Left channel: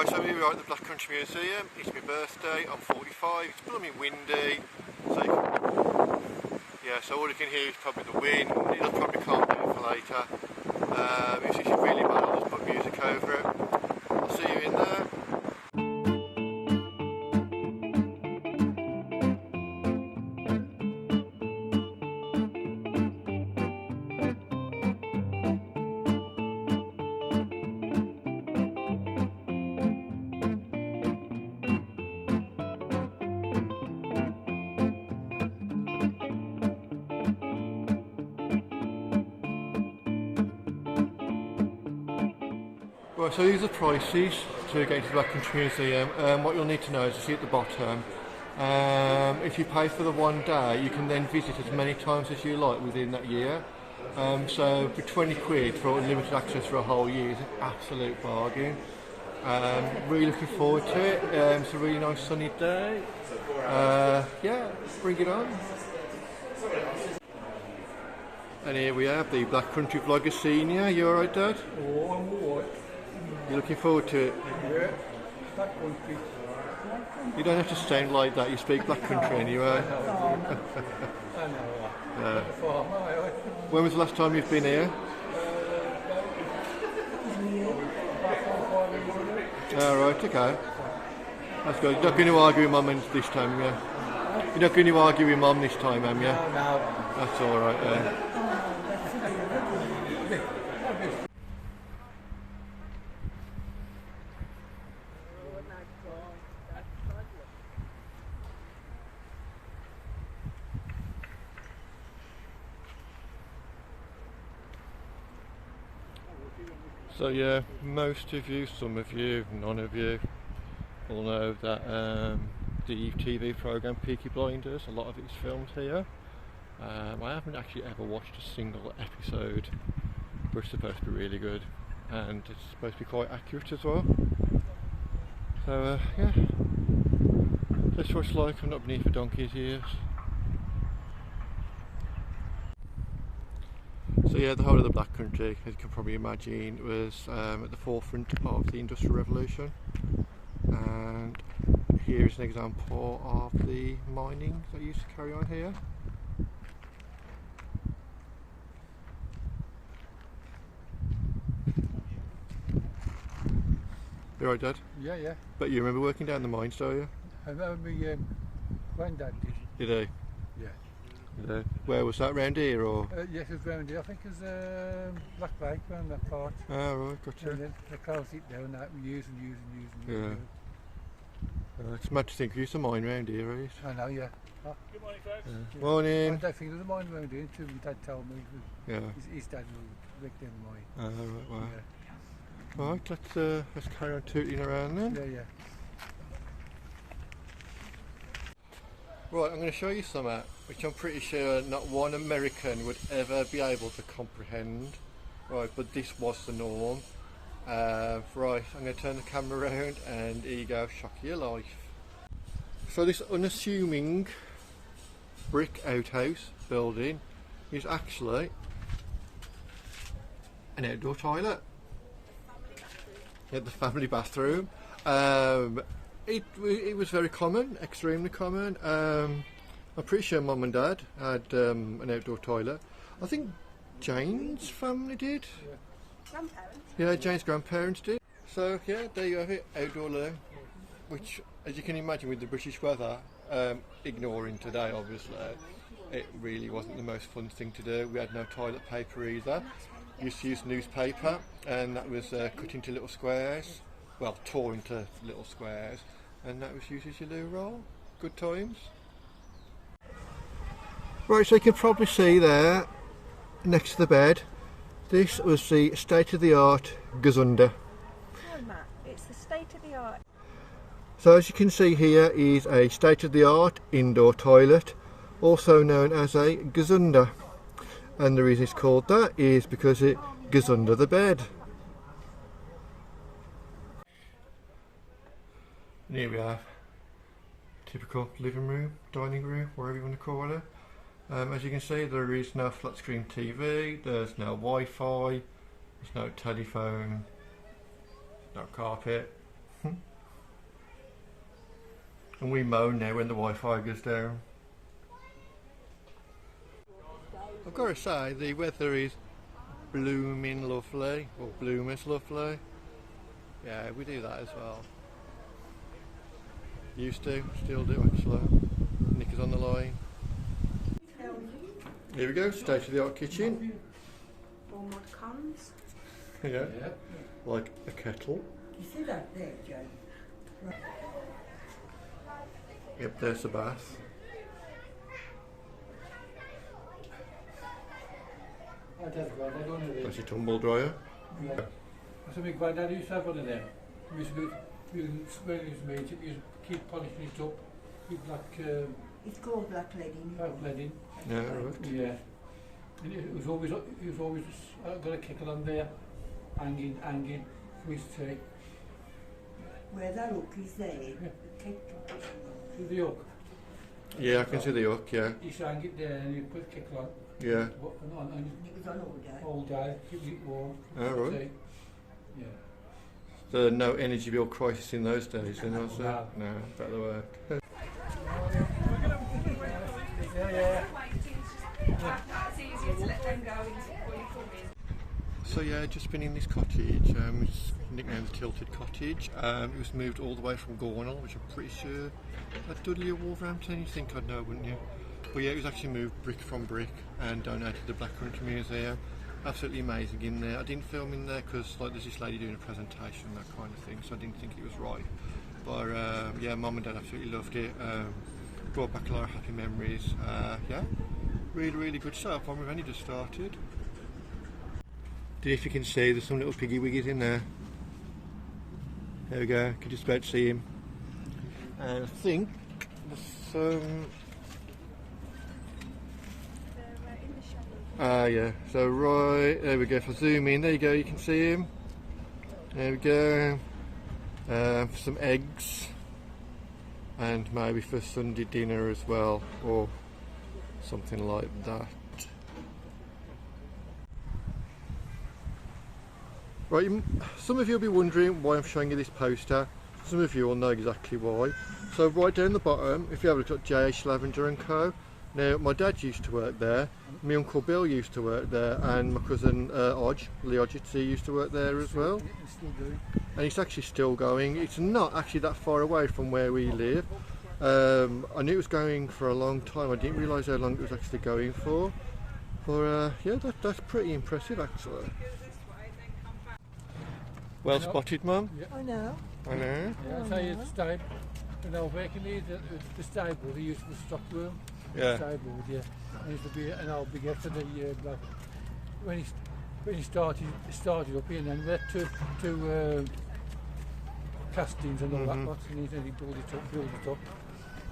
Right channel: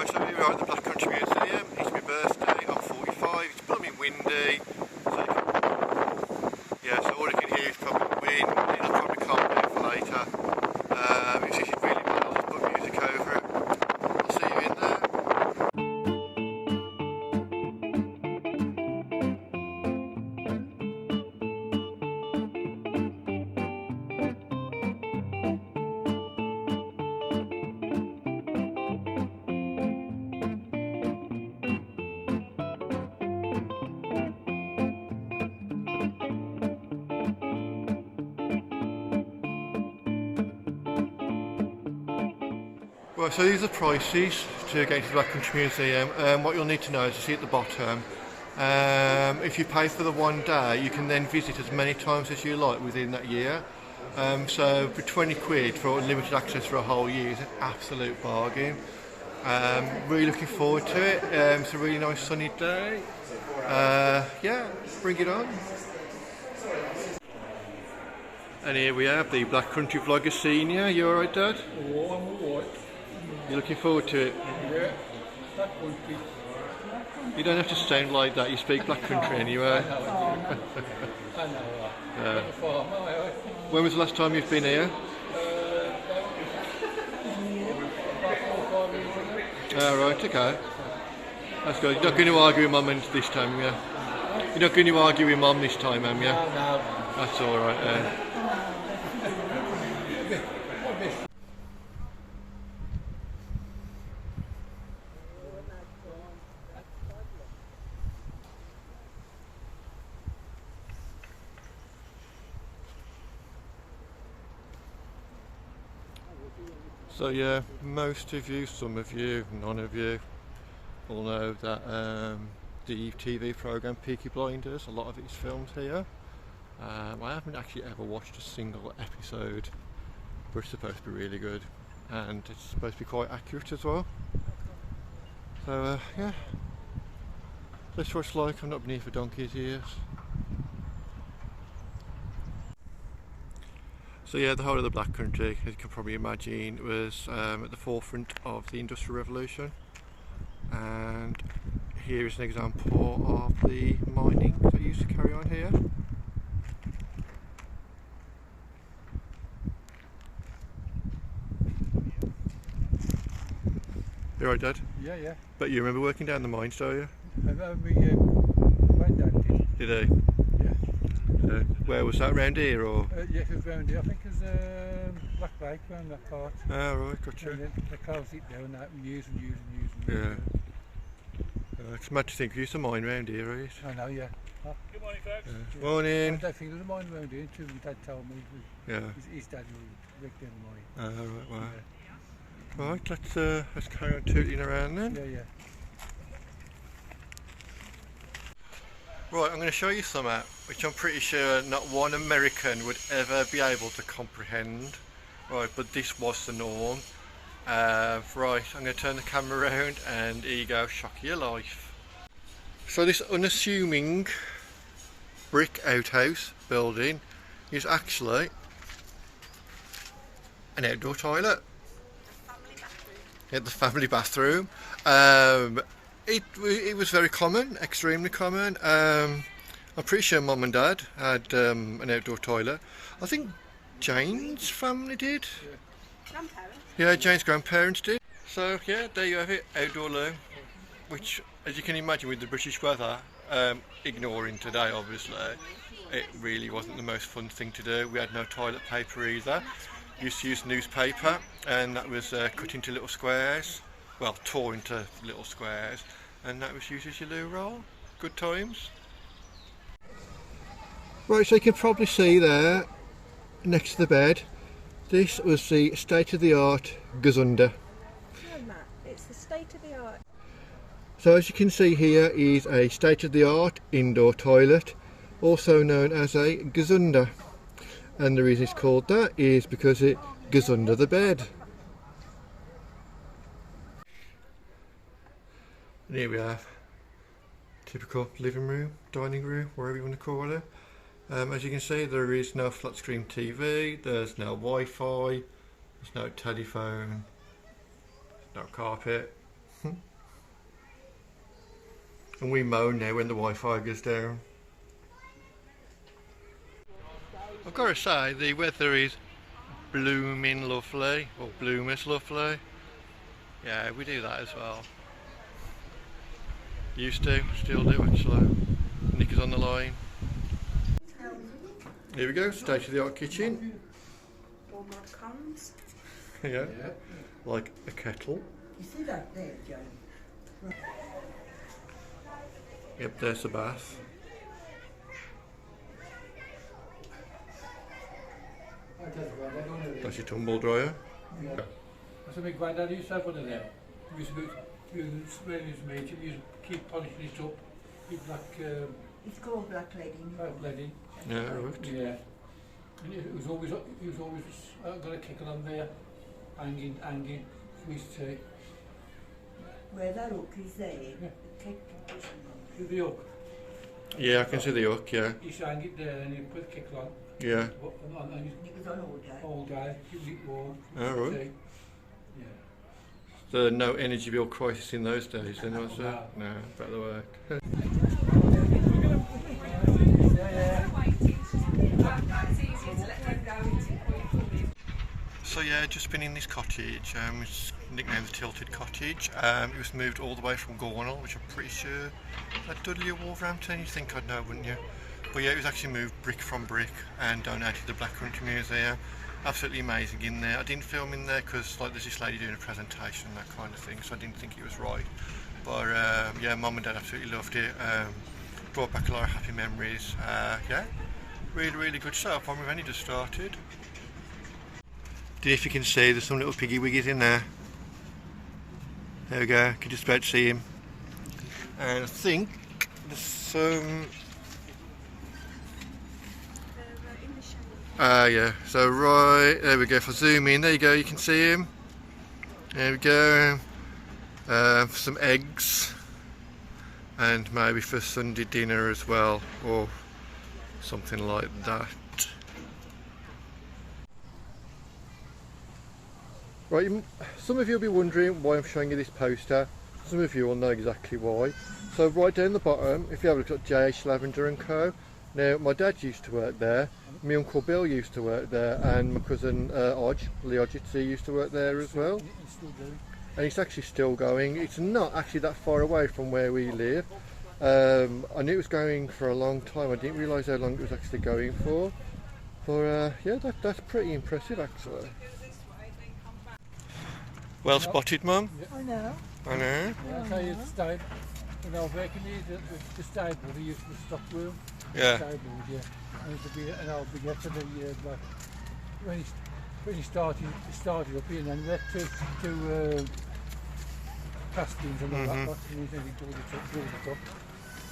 Right, so here we are at the Black Country Museum. It's my birthday, I'm 45, it's blooming windy, so you can, yeah, so all you can hear is probably the wind. It'll probably calm down for later. It's actually really bad, I'll just put music over it. I'll see you in there. Right, so these are the prices to get into the Black Country Museum. What you'll need to know is, you see at the bottom, if you pay for the one day, you can then visit as many times as you like within that year. So for 20 quid for unlimited access for a whole year is an absolute bargain. Really looking forward to it. It's a really nice sunny day. Yeah, bring it on. And here we have the Black Country Vlogger Senior. You alright, Dad? Oh, I'm alright. You're looking forward to it? Yeah, Black Country. You don't have to sound like that, you speak Black Country anyway. I know that. When was the last time you've been here? About 4 or 5 years ago. Oh, right, okay. That's good. You're not going to argue with Mum this time, yeah? You're not going to argue with Mum this time, am you? No. That's alright, So yeah, most of you, some of you, none of you will know that the TV programme Peaky Blinders, a lot of it is filmed here. I haven't actually ever watched a single episode, but it's supposed to be really good, and it's supposed to be quite accurate as well. So yeah, that's what it's like. I've not been here for donkey's years. So yeah, the whole of the Black Country, as you can probably imagine, was at the forefront of the Industrial Revolution, and here is an example of the mining that used to carry on here. You alright, Dad? Yeah. But you remember working down the mines, don't you? I remember when Dad did. Did he? Yeah. Where was that, round here or? Yes, it was round here. I think it was Black Lake round that part. Ah, right, gotcha. And then they closed it down, that we use. Yeah. It's mad to think we used to mine round here, right? I know, yeah. Oh. Good morning, folks. Yeah. Morning. I don't think there was a mine round here until my dad told me. Yeah. His dad worked down the mine. Ah, right, wow. Yeah. Right, let's carry on tooting around then. Yeah. Right, I'm going to show you something which I'm pretty sure not one American would ever be able to comprehend. Right, but this was the norm. Right, I'm going to turn the camera around and here you go, shock of your life. So this unassuming brick outhouse building is actually an outdoor toilet. The family bathroom. It was very common, extremely common. I'm pretty sure Mum and Dad had an outdoor toilet. I think Jane's family did. Grandparents? Yeah, Jane's grandparents did. So yeah, there you have it, outdoor loo. Which, as you can imagine with the British weather, ignoring today obviously, it really wasn't the most fun thing to do. We had no toilet paper either. Used to use newspaper, and that was cut into little squares. Well, tore into little squares, and that was used as your loo roll. Good times. Right, so you can probably see there, next to the bed, this was the state-of-the-art Gazunder. No, Matt, it's the state-of-the-art. So as you can see here is a state-of-the-art indoor toilet, also known as a Gazunder. And the reason it's called that is because it goes under the bed. And here we have typical living room, dining room, whatever you want to call it. As you can see, there is no flat screen TV, there's no Wi-Fi, there's no telephone, no carpet. And we moan now when the Wi-Fi goes down. I've got to say, the weather is blooming lovely, or bloomers lovely. Yeah, we do that as well. Used to, still do actually. Nick is on the line. Here we go, state of the art kitchen. All mod cons. Yeah, like a kettle. You see that there, Joe? Yep, there's the bath. That's your tumble dryer. Yeah. That's a big granddad used to have one of them. He used to go, when he was made, he used to keep polishing it up. Keep black, It's called black leading. black leading. Yeah, right. Yeah. And it was always got a kicker on there, hanging. We used to say, Where that hook is there, Yeah. the cake "Do the hook." Yeah, I can see the hook, yeah. You used to hang it there and you put the kicker on. Yeah. And it was on all day. all day, keep it warm. Alright. See? Yeah. So no energy bill crisis in those days then, was there? No. No, better work. It's easier to let them go into before you come in. So yeah, just been in this cottage, it's nicknamed the Tilted Cottage. It was moved all the way from Gornal, which I'm pretty sure at Dudley or Wolverhampton, you'd think I'd know, wouldn't you? But yeah, it was actually moved brick from brick and donated to the Black Country Museum. Absolutely amazing in there. I didn't film in there because like there's this lady doing a presentation and that kind of thing, so I didn't think it was right. But yeah, Mum and Dad absolutely loved it. Brought back a lot of happy memories. Yeah, really good stuff. We've only just started. If you can see, there's some little piggy wiggies in there. There we go, you can just about see him. And I think there's some... yeah, so right, there we go, if I zoom in, there you go, you can see him. There we go. Some eggs. And maybe for Sunday dinner as well, or something like that. Right, some of you will be wondering why I'm showing you this poster. Some of you will know exactly why. So right down the bottom, if you have a look at JH Lavender & Co. Now, my dad used to work there, my Uncle Bill used to work there, and my cousin Lee Odgetsy used to work there as well. It's still doing. And it's actually still going. It's not actually that far away from where we live. I knew it was going for a long time. I didn't realise how long it was actually going for. But yeah, that's pretty impressive actually. Well spotted, Mum. Yeah. I know. I know. Yeah, I'll tell you the stable. When I was working here, the stable, they used the stock room. Yeah. Stable, yeah. And it used to be an old big to the like, when he started up here, and then we had two castings and all that lot, and he built it up.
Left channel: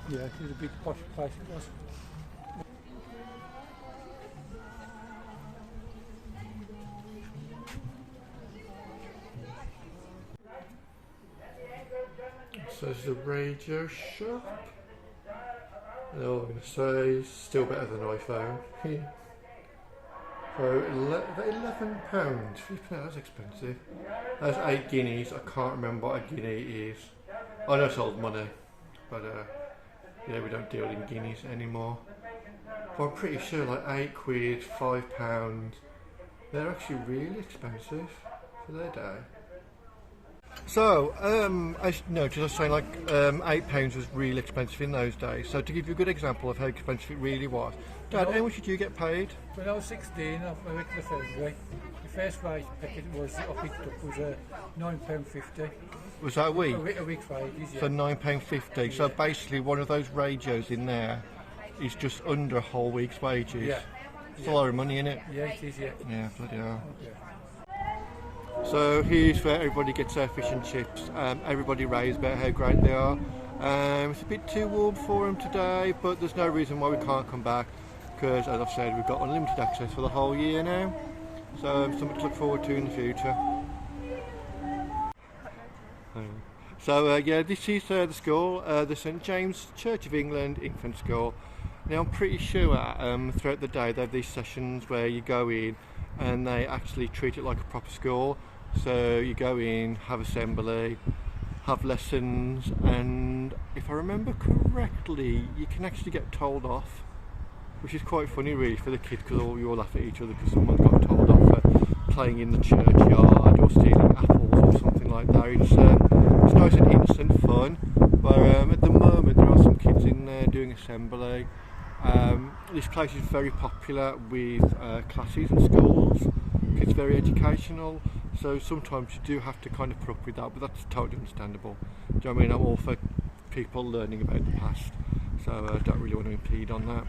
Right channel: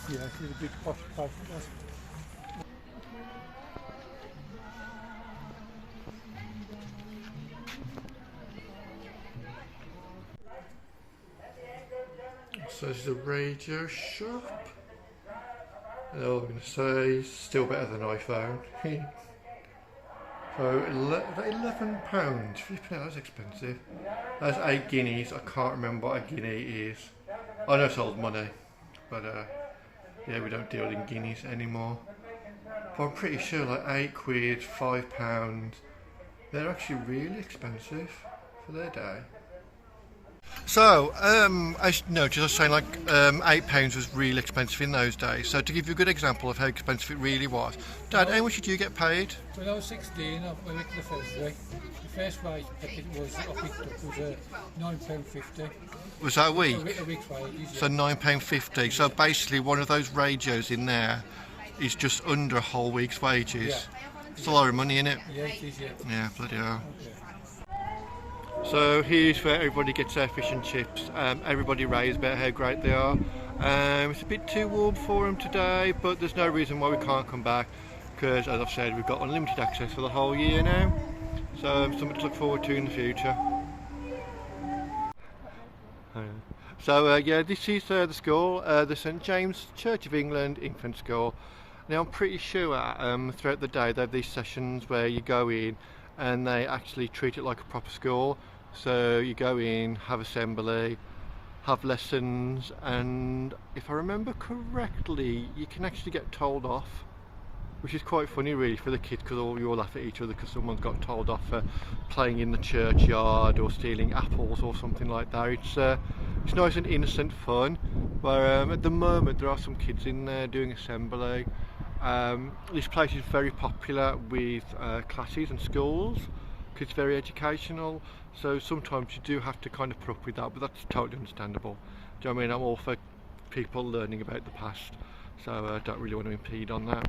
Yeah, it was a big posh place it was. So this is a radio shop. And all I'm going to say, still better than iPhone. So £11. Flipping out, that's expensive. That's 8 guineas. I can't remember what a guinea is. I know it's old money, but yeah, we don't deal in guineas anymore. But I'm pretty sure like £8, £5. They're actually really expensive for their day. So, I noticed I was saying like £8 was really expensive in those days. So to give you a good example of how expensive it really was, Dad, how much did you get paid? When I was 16, I went to the February. The first wage I picked up was £9.50. Was that a week? A week's wages, yeah. So £9.50. So basically one of those radios in there is just under a whole week's wages. Yeah. It's a lot of money, isn't it? Yeah, it is, yeah. Yeah, bloody hell. Okay. So here's where everybody gets their fish and chips. Everybody raves about how great they are. It's a bit too warm for them today, but there's no reason why we can't come back because, as I've said, we've got unlimited access for the whole year now. So something to look forward to in the future. So yeah, this is the school, the St James Church of England Infant School. Now I'm pretty sure throughout the day they have these sessions where you go in and they actually treat it like a proper school. So you go in, have assembly, have lessons, and if I remember correctly, you can actually get told off, which is quite funny really for the kids, because you all laugh at each other because someone got told off for playing in the churchyard or stealing apples or something like that. It's nice and innocent fun, but at the moment there are some kids in there doing assembly. This place is very popular with classes and schools. It's very educational, so sometimes you do have to kind of put up with that, but that's totally understandable. Do you know what I mean? I'm all for people learning about the past, so I don't really want to impede on that.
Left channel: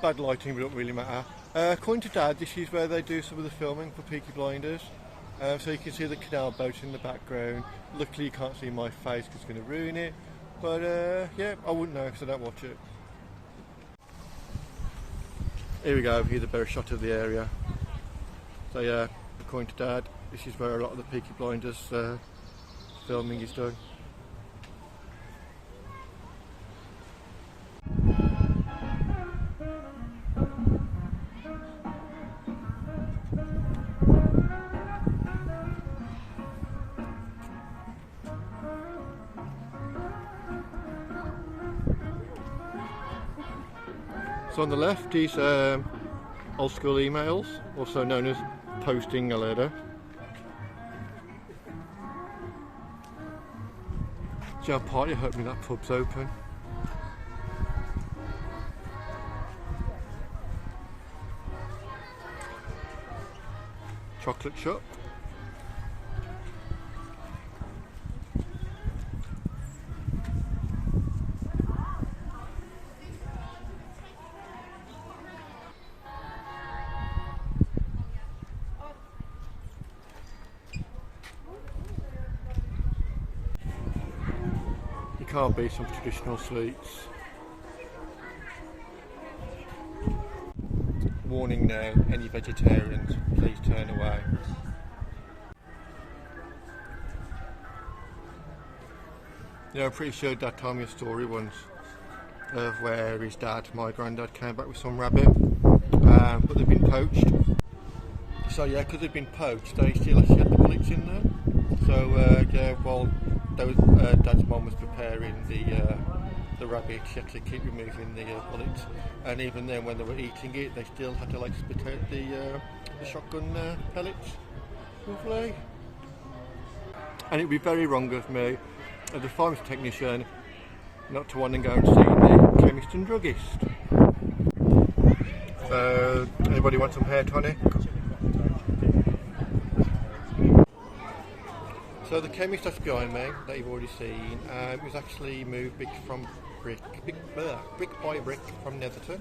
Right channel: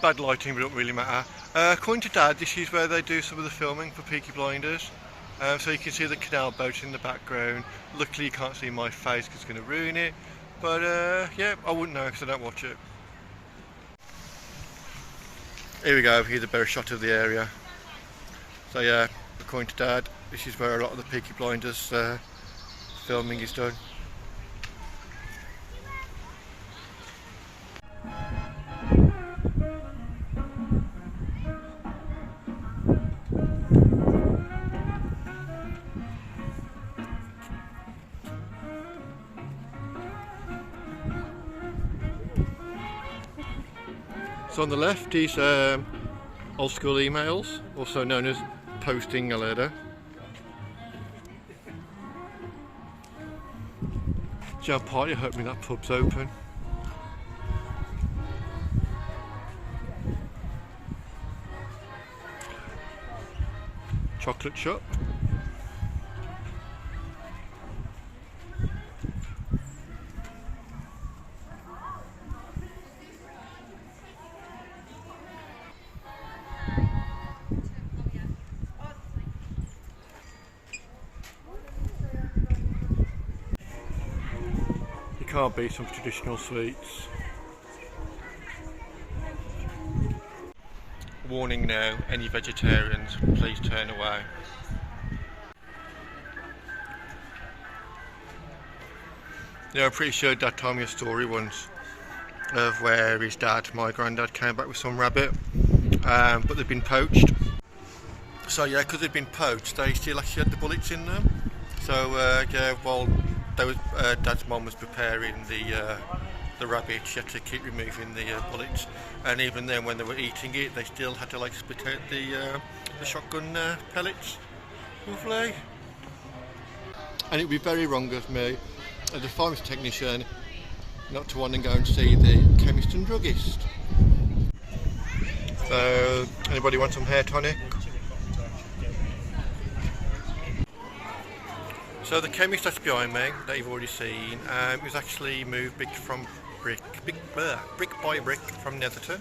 Bad lighting, but it don't really matter. According to Dad, this is where they do some of the filming for Peaky Blinders. So you can see the canal boat in the background. Luckily you can't see my face because it's going to ruin it. But yeah, I wouldn't know because I don't watch it. Here we go, here's a better shot of the area. So yeah, according to Dad, this is where a lot of the Peaky Blinders filming is done. So on the left is old school emails, also known as posting a letter. Joe Party hoping that pub's open. Chocolate shop. You can't beat some traditional sweets. Warning now, any vegetarians, please turn away. Yeah, I'm pretty sure Dad told me a story once of where his dad, my granddad, came back with some rabbit, but they'd been poached. So yeah, because they'd been poached, they still actually had the bullets in them. So yeah, while Dad's mum was preparing the rabbit, she had to keep removing the bullets, and even then when they were eating it, they still had to like split out the shotgun pellets. Lovely. And it would be very wrong of me, as a pharmacy technician, not to want to go and see the chemist and druggist. So, anybody want some hair tonic? So the chemist that's behind me, that you've already seen, was actually moved brick by brick from Netherton.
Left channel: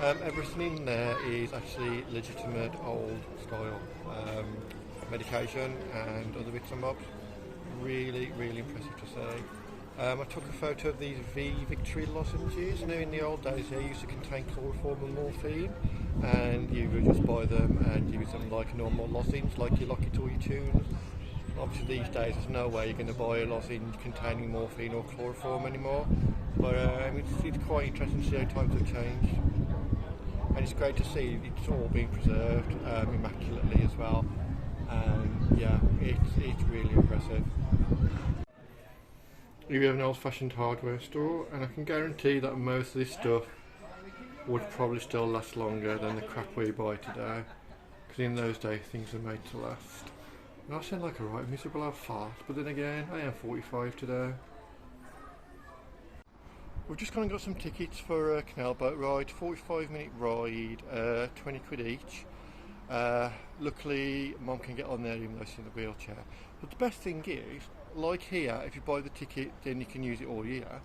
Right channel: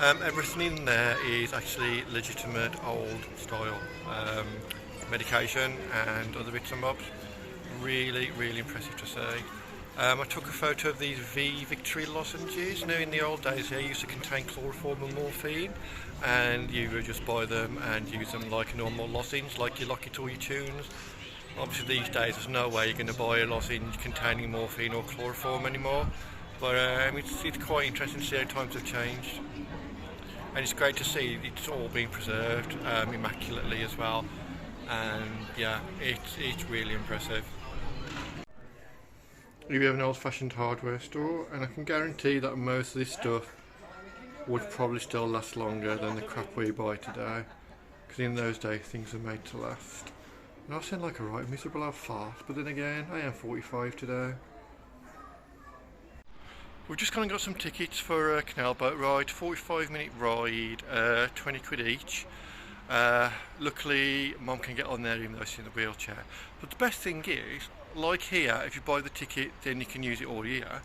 Everything in there is actually legitimate old style medication and other bits and bobs. Really, really impressive to see. I took a photo of these Victory lozenges. Now in the old days they used to contain chloroform and morphine, and you would just buy them and use them like a normal lozenge, like you lock it to all your tunes. Obviously these days there's no way you're going to buy a lozenge containing morphine or chloroform anymore, but it's quite interesting to see how times have changed, and it's great to see it's all being preserved immaculately as well, and yeah, it's really impressive. We have an old-fashioned hardware store, and I can guarantee that most of this stuff would probably still last longer than the crap we buy today, because in those days things were made to last. And I sound like a right miserable old fart, but then again, I am 45 today. We've just kind of got some tickets for a canal boat ride, 45-minute ride, 20 quid each. Luckily, Mum can get on there even though she's in a wheelchair. But the best thing is, like here, if you buy the ticket, then you can use it all year.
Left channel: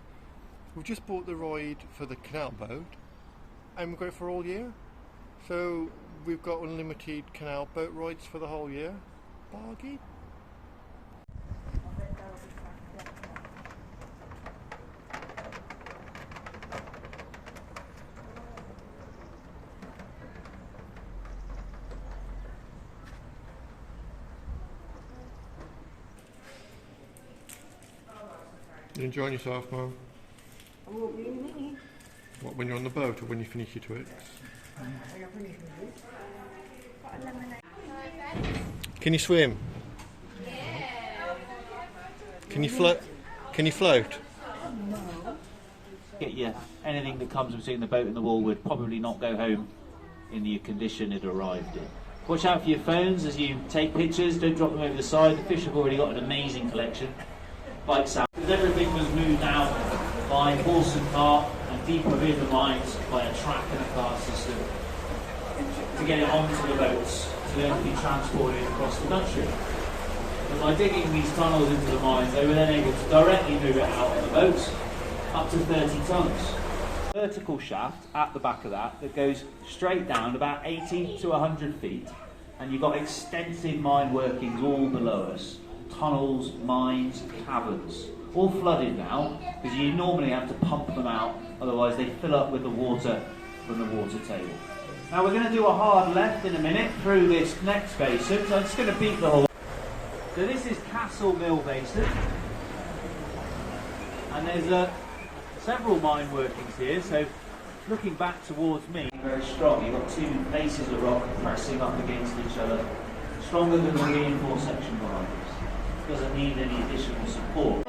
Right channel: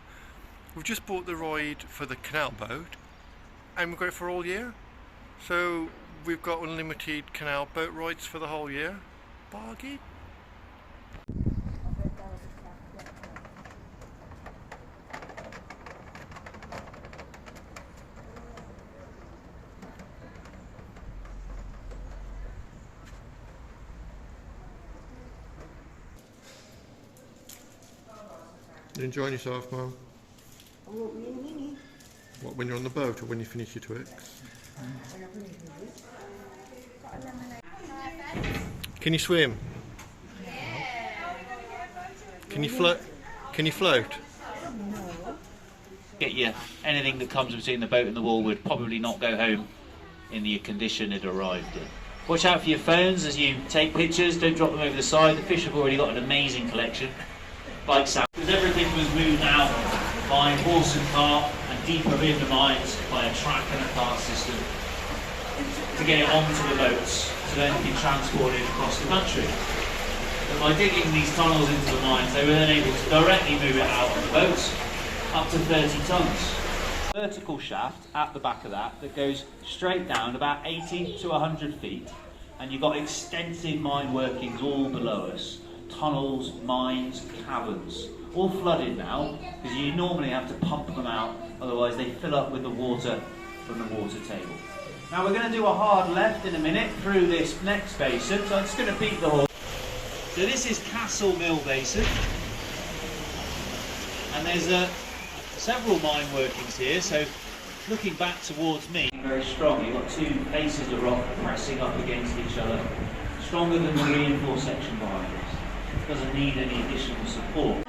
We've just bought the ride for the canal boat, and we've got it for all year. So we've got unlimited canal boat rides for the whole year. Bargain. You enjoying yourself, Mum? I won't be in a minute. What, when you're on the boat or when you finish your Twix? When I finish with it. Can you swim? Can you float? Can you float? Get you anything that comes between the boat and the wall would probably not go home in the condition it arrived in. Watch out for your phones as you take pictures, don't drop them over the side. The fish have already got an amazing collection. Bikes out. Because everything was moved out by horse and cart and deeper in the mines by a track and a cart system to get it onto the boats so then it can be transported across the country. But by digging these tunnels into the mines, they were then able to directly move it out on the boats up to 30 tonnes. Vertical shaft at the back of that goes straight down about 80 to 100 feet, and you've got extensive mine workings all below us. Tunnels, mines, caverns, all flooded now because you normally have to pump them out, otherwise they fill up with the water from the water table. Now we're going to do a hard left in a minute through this next basin, so I'm just going to beat the horse. So this is Castle Mill Basin, and there's several mine workings here, so looking back towards me, very strong. You've got two faces of rock pressing up against each other, stronger than the reinforced section behind us. Doesn't need any additional support.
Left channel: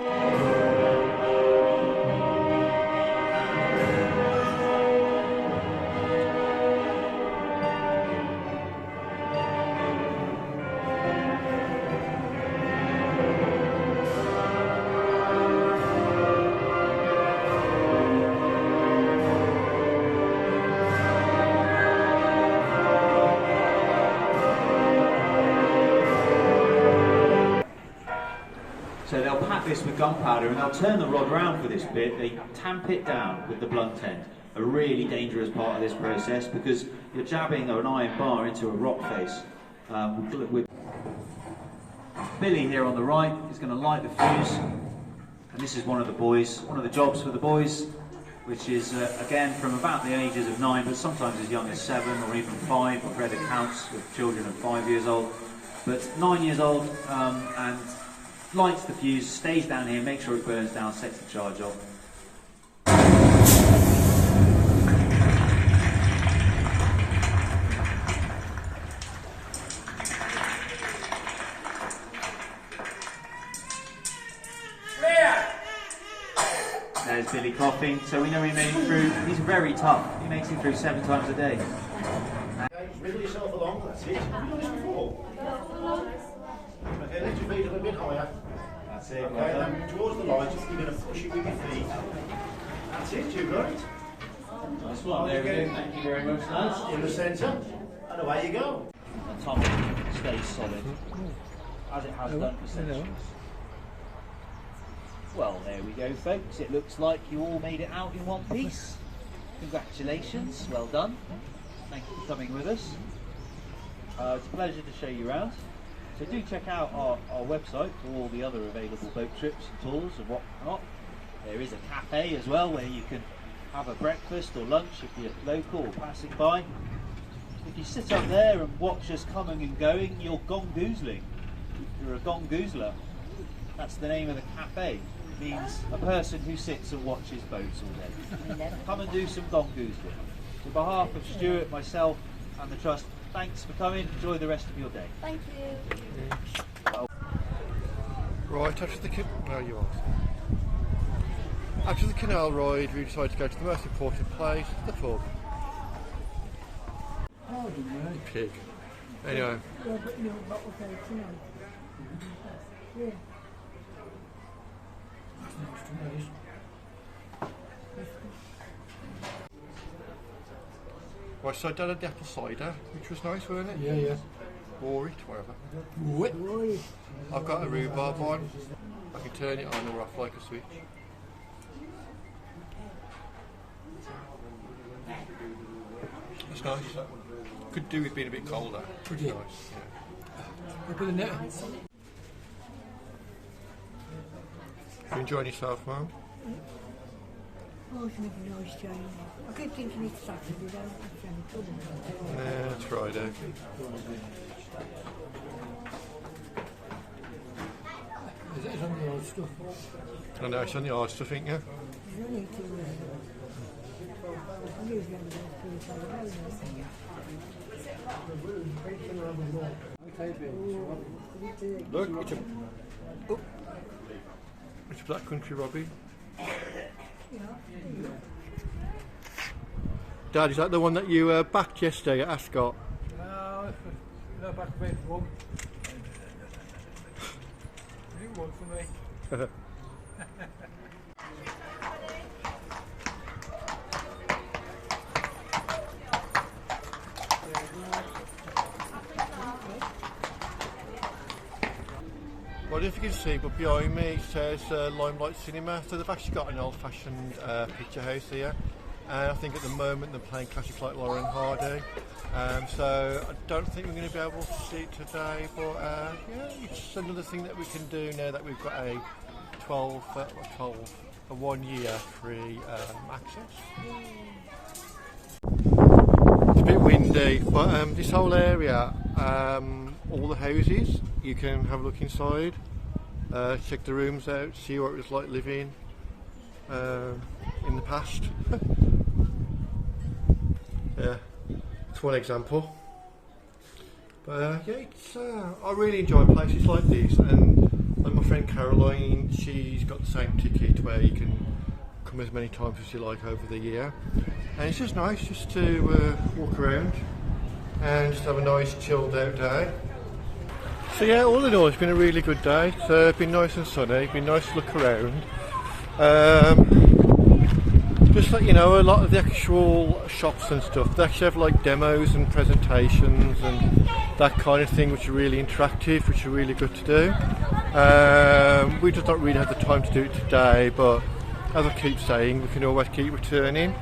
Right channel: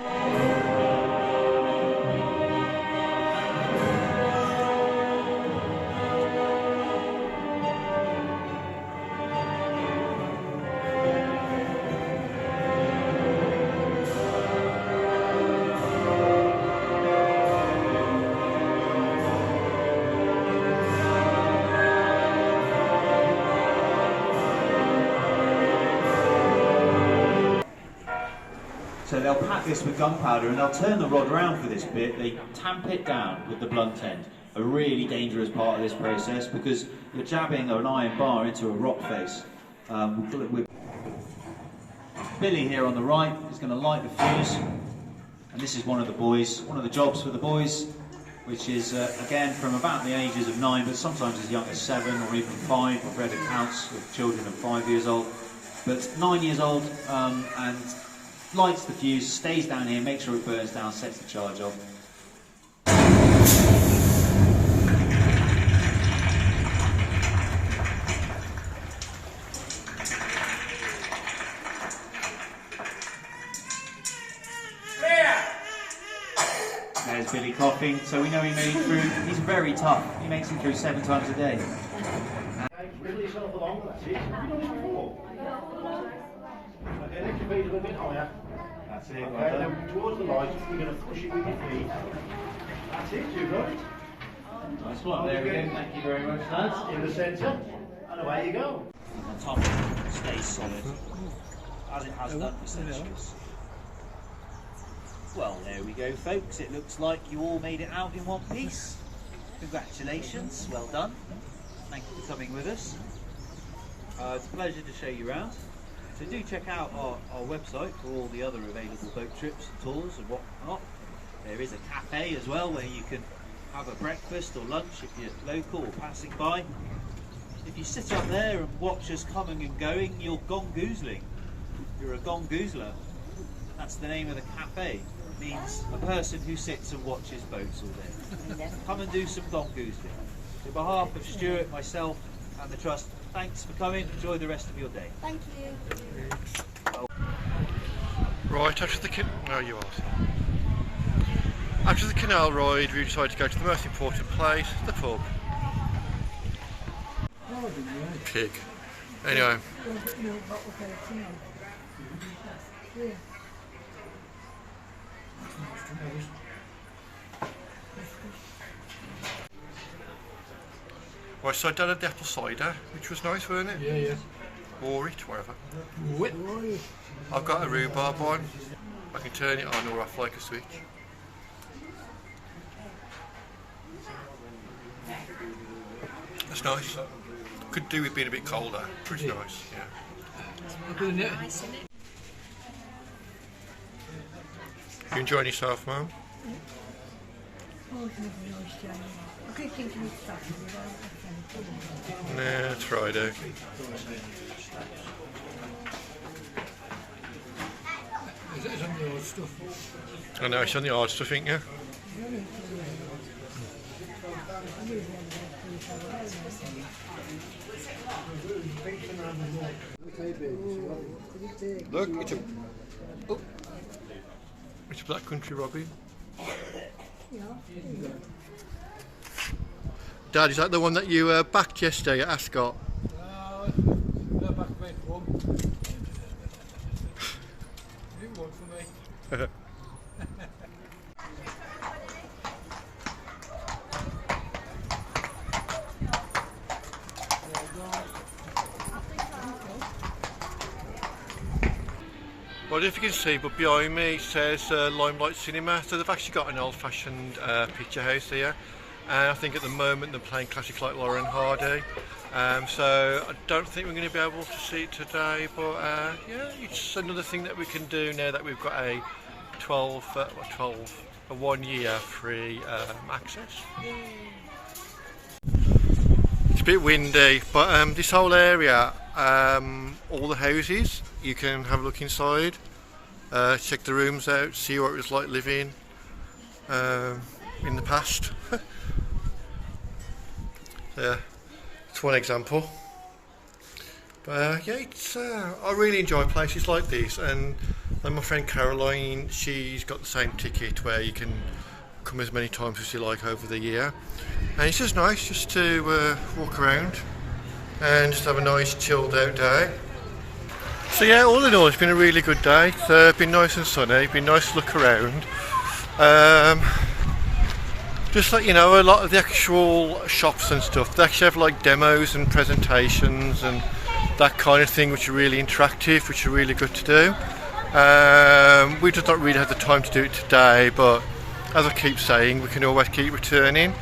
So they'll pack this with gunpowder and they'll turn the rod around for this bit. They tamp it down with the blunt end. A really dangerous part of this process because you're jabbing an iron bar into a rock face. Billy here on the right is going to light the fuse, and this is one of the jobs for the boys, which is again from about the ages of 9, but sometimes as young as 7 or even 5. I've read accounts with children of 5 years old, but 9 years old, and lights the fuse, stays down here, makes sure it burns down, sets the charge off. There's Billy coughing, so we know he made it through. He's very tough. He makes it through 7 times a day. Wriggle yourself along, that's it. Have you done this before? Okay, lift your feet a little bit higher. That's it. Okay, then towards the light, you're going to push it with your feet. That's it, you're right. Nice one, there we go. Thank you very much, lads. In the centre, and away you go. On top stays solid, as it has done for centuries. Well, there we go, folks. It looks like you all made it out in one piece. Congratulations, well done. Thank you for coming with us. It's a pleasure to show you around. So do check out our website for all the other available boat trips, tools and whatnot. There is a cafe as well where you can have a breakfast or lunch if you're local or passing by. If you sit up there and watch us coming and going, you're gongoozling. You're a gongoozler. That's the name of the cafe. It means a person who sits and watches boats all day. Come and do some gongoozling. On behalf of Stuart, myself and the Trust, thanks for coming. Enjoy the rest of your day. Thank you. Right, after the canal ride, we decided to go to the most important place, the pub. Pig. Anyway. Right, so I done the apple cider, which was nice, wasn't it? Yeah, yeah. Or it, whatever. Whip. I've got a rhubarb one. I can turn it on or off like a switch. That's nice. Could do with being a bit colder. Pretty nice, yeah. Look at the net. You enjoying yourself, Mum? Oh, it's really nice, Johnny. I keep thinking it's Saturday, though. Nah, it's Friday. It's on the old stuff. I know, it's on the hard stuff, ain't you? Look, it's a Black Country Robbie. Dad, is that the one that you backed yesterday at Ascot? No, back way home. You didn't want for me. Well, I don't know if you can see, but behind me it says Limelight Cinema, so they've actually got an old-fashioned picture house here, and I think at the moment they're playing classics like Laurel and Hardy, so I don't think we're going to be able to see it today, but yeah, it's another thing that we can do now that we've got a 1 year free access. It's a bit windy, but this whole area, all the houses, you can have a look inside, check the rooms out, see what it was like living in the past. Yeah, it's one example. But yeah, it's, I really enjoy places like this, and like my friend Caroline, she's got the same ticket where you can come as many times as you like over the year, and it's just nice just to walk around and just have a nice chilled out day. So yeah, all in all it's been a really good day. It's been nice and sunny, been nice to look around. Just like, you know, a lot of the actual shops and stuff, they actually have like demos and presentations and that kind of thing, which are really interactive, which are really good to do. We just don't really have the time to do it today, but as I keep saying, we can always keep returning.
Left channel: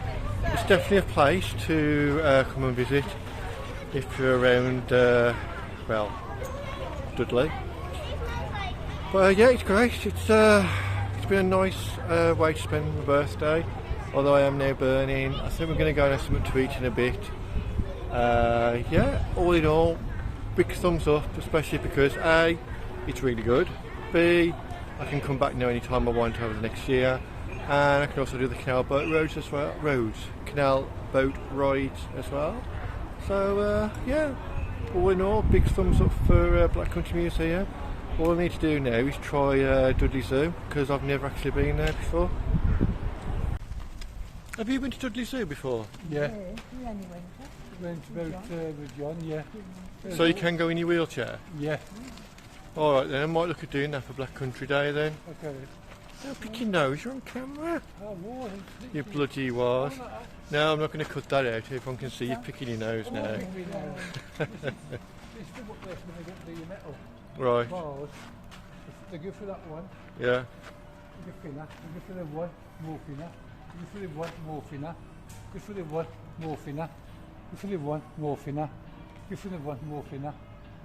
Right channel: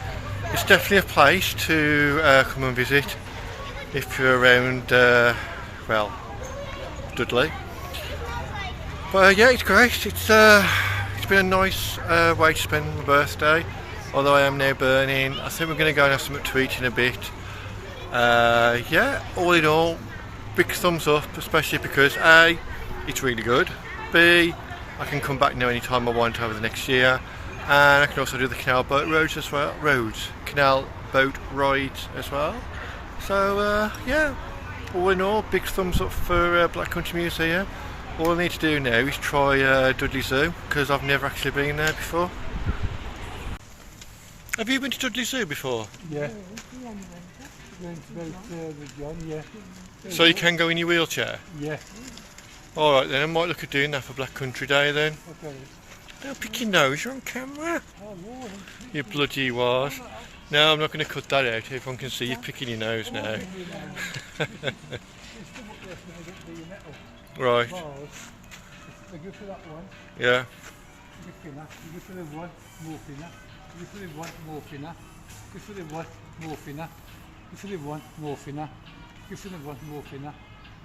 It's definitely a place to come and visit if you're around, well, Dudley. But yeah, it's great. It's been a nice way to spend my birthday, although I am now burning. I think we're going to go and have something to eat in a bit. Yeah, all in all, big thumbs up, especially because A, it's really good, B, I can come back now anytime I want over the next year, and I can also do the canal boat roads as well, canal boat rides as well. So yeah, all in all, big thumbs up for Black Country Museum. All I need to do now is try Dudley Zoo, because I've never actually been there before. Have you been to Dudley Zoo before? Yeah. Went about with John, yeah. So you can go in your wheelchair? Yeah. Alright then, I might look at doing that for Black Country Day then. Okay. Don't pick your nose, you're on camera. Oh, no. You bloody was. No, I'm not going to cut that out, everyone can see you picking your nose now. Right. They go for that one. Yeah. You go for that. You go for the one, more thinner. You go for the one, more thinner. Go for the one, more thinner. Go for the one, more thinner. Go for the one, more thinner.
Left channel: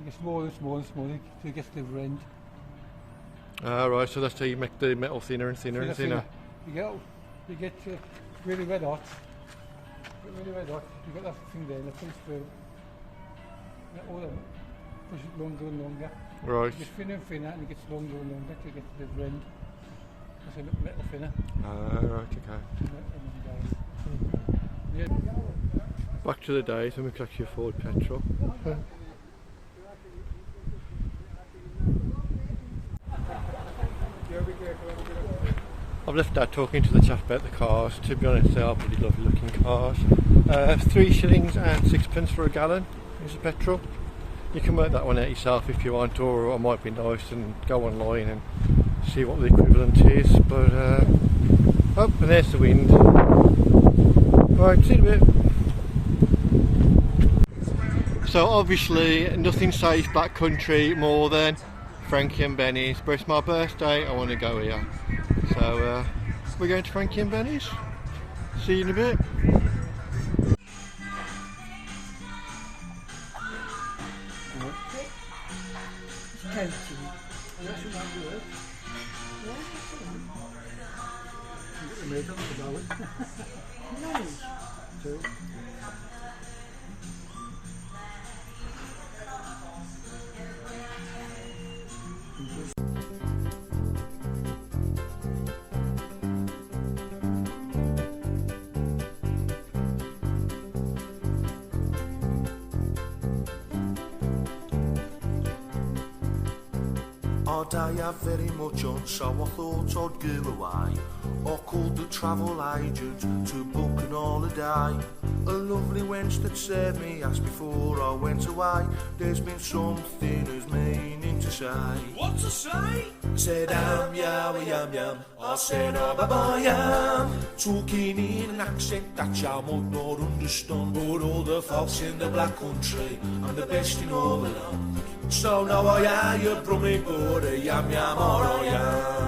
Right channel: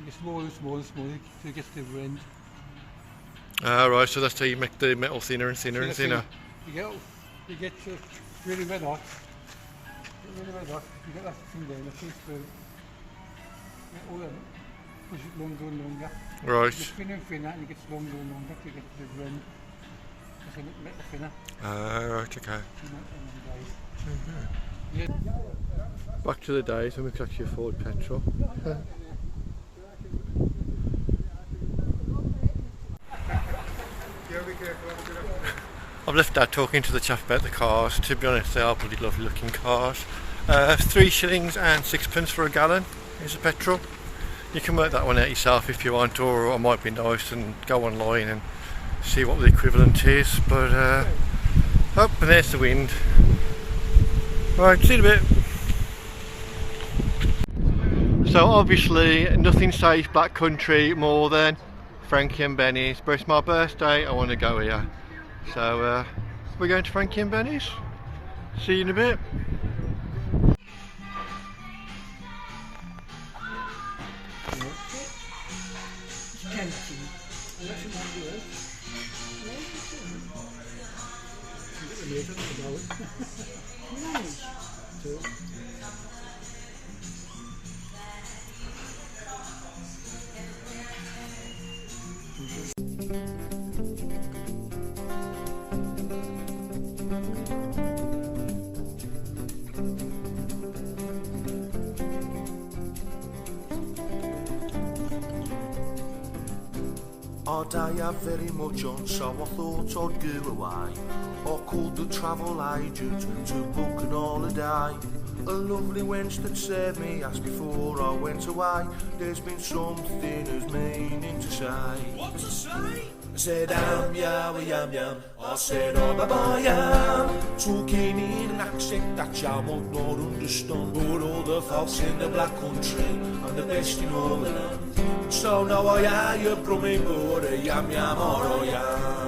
You get smaller and smaller and smaller till you get to the other end. Right, so that's how you make the metal thinner and thinner and thinner. You get really red hot. Really red hot. You get that thing there, that thing's through. Get all them. Push it longer and longer. Right. You get thinner and thinner, and it gets longer and longer till you get to the other end. That's a little bit thinner. Right, okay. Yeah. Back to the days when we could actually afford petrol. I've left Dad talking to the chap about the cars. To be honest, they are bloody lovely looking cars. 3 shillings and 6pence for a gallon is the petrol. You can work that one out yourself if you want, or it might be nice and go online and see what the equivalent is. But oh, and there's the wind. Right, see you in a bit. So obviously nothing says Black Country more than Frankie and Benny's, but it's my birthday, I want to go here. So we're going to Frankie and Benny's. See you in a bit. Our day had very much on, so I thought I'd go away. I called the travel agent to book an holiday. A lovely wench that served me asked before I went away, there's been something who's meaning to say. What to say? I said, yam yam. I said, oh bye yam. Talking in an accent that you might not understand, but all the folks in the black country, I'm the best in all the land. So now I hear you brumming, but a yam yam or a yam.